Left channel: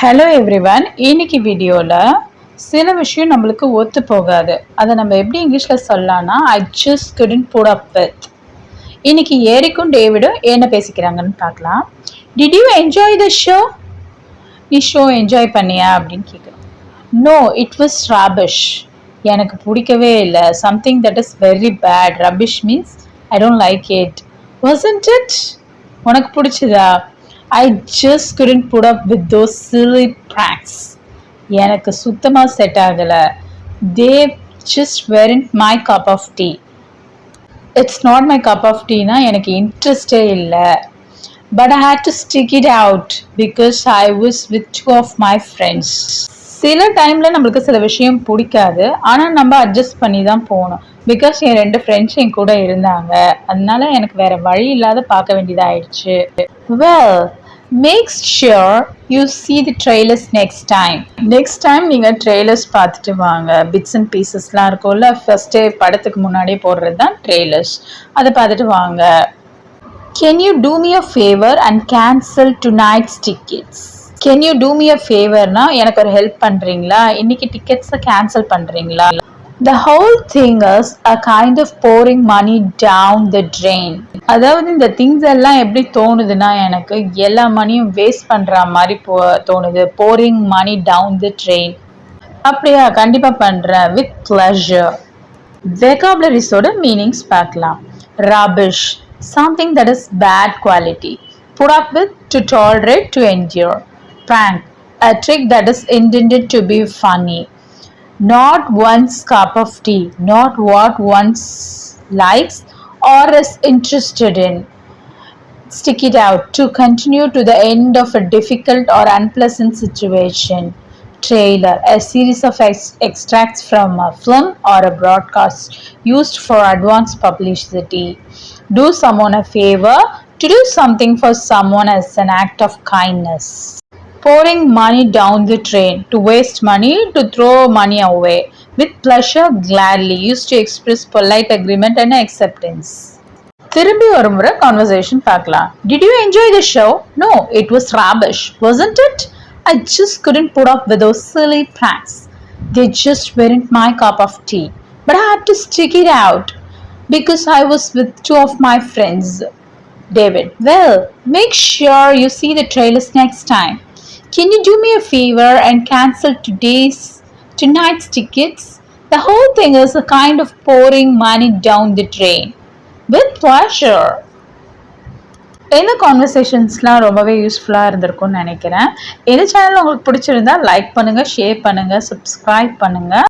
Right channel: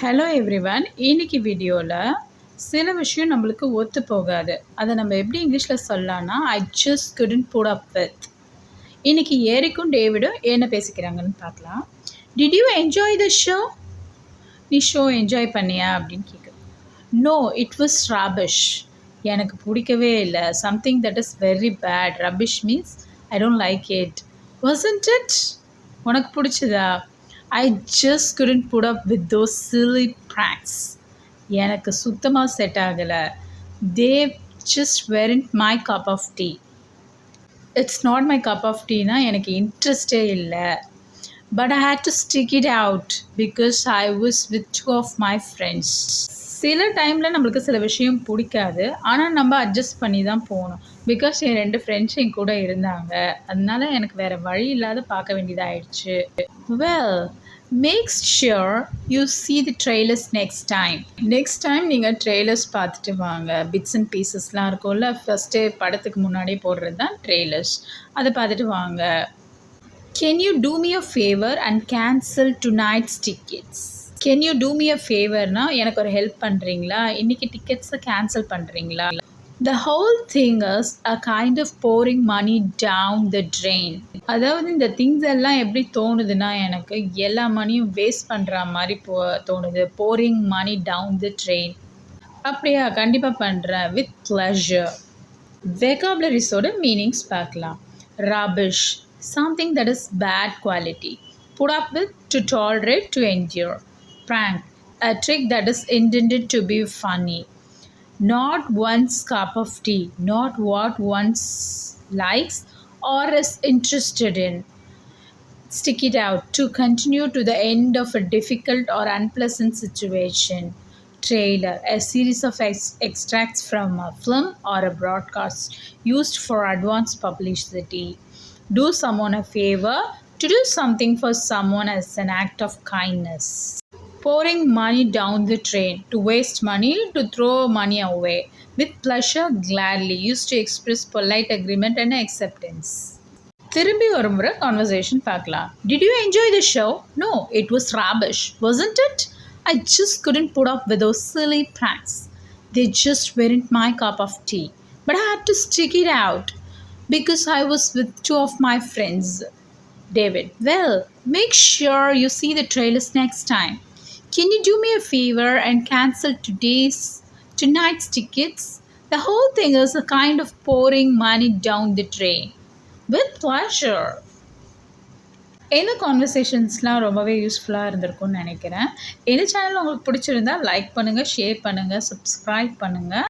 Hello everyone. இன்னைக்கு வீடியோவில் சில விஷயம் நம்மளுக்கு ஒத்து போகாது. அதை நம்ம எப்படி இங்கிலீஷில் சொல்லலாம்னா I just couldn't put up with. இன்னைக்கு ஏரிக்கும் டேவிடும் என்ன பேசிக்கிறாங்கன்னு பார்க்கலாம். Did you enjoy the show? நீ ஷோ என்ஜாய் பண்ணியா அப்படின்னு கேட்குறோம். No, it was rubbish. எனக்கு பிடிக்கவே இல்லை. Something that is very bad. Rubbish means I don't like it. Wasn't it? உனக்கு பிடிச்சதா? I just couldn't put up with those silly pranks. எனக்கு சுத்தமா செட் ஆகல. They just weren't my cup of tea. It's not my cup of tea னா எனக்கு இன்ட்ரெஸ்டே இல்லை. But I had to stick it out because I was with two of my friends. சில டைமில் நம்மளுக்கு சில விஷயம் பிடிக்காது, ஆனால் நம்ம அட்ஜஸ்ட் பண்ணி தான் போகணும். பிகாஸ் என் 2 ஃப்ரெண்ட்ஸ் என் கூட இருந்தாங்க, அதனால எனக்கு வேற வழி இல்லாத பார்க்க வேண்டியதாகிடுச்சு. Well, make sure you see the trailers next time. Next time நீங்கள் ட்ரெய்லர்ஸ் பார்த்துட்டு வாங்க. பிட்ஸ் அண்ட் பீசஸ்லாம் இருக்கும்ல, ஃபர்ஸ்டே படத்துக்கு முன்னாடியே போடுறது தான் ட்ரெய்லர்ஸ். அதை பார்த்துட்டு வாங்க. Can you do me a favor and cancel tonight's tickets? Can you do me a favorனா எனக்கு ஒரு ஹெல்ப் பண்ணுறீங்களா? இன்னைக்கு டிக்கெட்ஸை கேன்சல் பண்ணுறீங்களா? The whole thing is a kind of pouring money down the drain. அதாவது இந்த திங்ஸ் எல்லாம் எப்படி தோணுதுன்னா, எனக்கு எல்லா மணியும் வேஸ்ட் பண்ணுற மாதிரி தோணுது. pouring money down the drain. அப்படியா? கண்டிப்பாக பண்ணுறேன். with pleasure. vocabularies-ஓட மீனிங்ஸ் பார்க்கலாம். rubbish, something that is bad quality. put up with, to tolerate, to endure. Prank, a trick that is intended to be funny. Not one's cup of tea, not what one likes or is interested in. Stick it out, to continue to the end of a difficult or unpleasant situation. Trailer, a series of extracts from a film or a broadcast used for advance publicity. Do someone a favor, to do something for someone as an act of kindness. Pouring money down the drain, to waste money, to throw money away. With pleasure, gladly, used to express polite agreement and acceptance. திரும்பி ஒரு முறை கான்வர்சேஷன் பார்க்கலாம். Did you enjoy the show? No, it was rubbish, wasn't it? I just couldn't put up with those silly pranks. They just weren't my cup of tea. But I had to stick it out because I was with two of my friends. David, well, make sure you see the trailers next time. Can you do me a favor and cancel tonight's tickets? The whole thing is a kind of pouring money down the drain. With pleasure. இந்த கான்வர்சேஷன்ஸ்லாம் ரொம்பவே யூஸ்ஃபுல்லாக இருந்திருக்கும்னு நினைக்கிறேன். இந்த சேனல் உங்களுக்கு பிடிச்சிருந்தா லைக் பண்ணுங்கள், ஷேர் பண்ணுங்கள், சப்ஸ்கிரைப் பண்ணுங்கள்.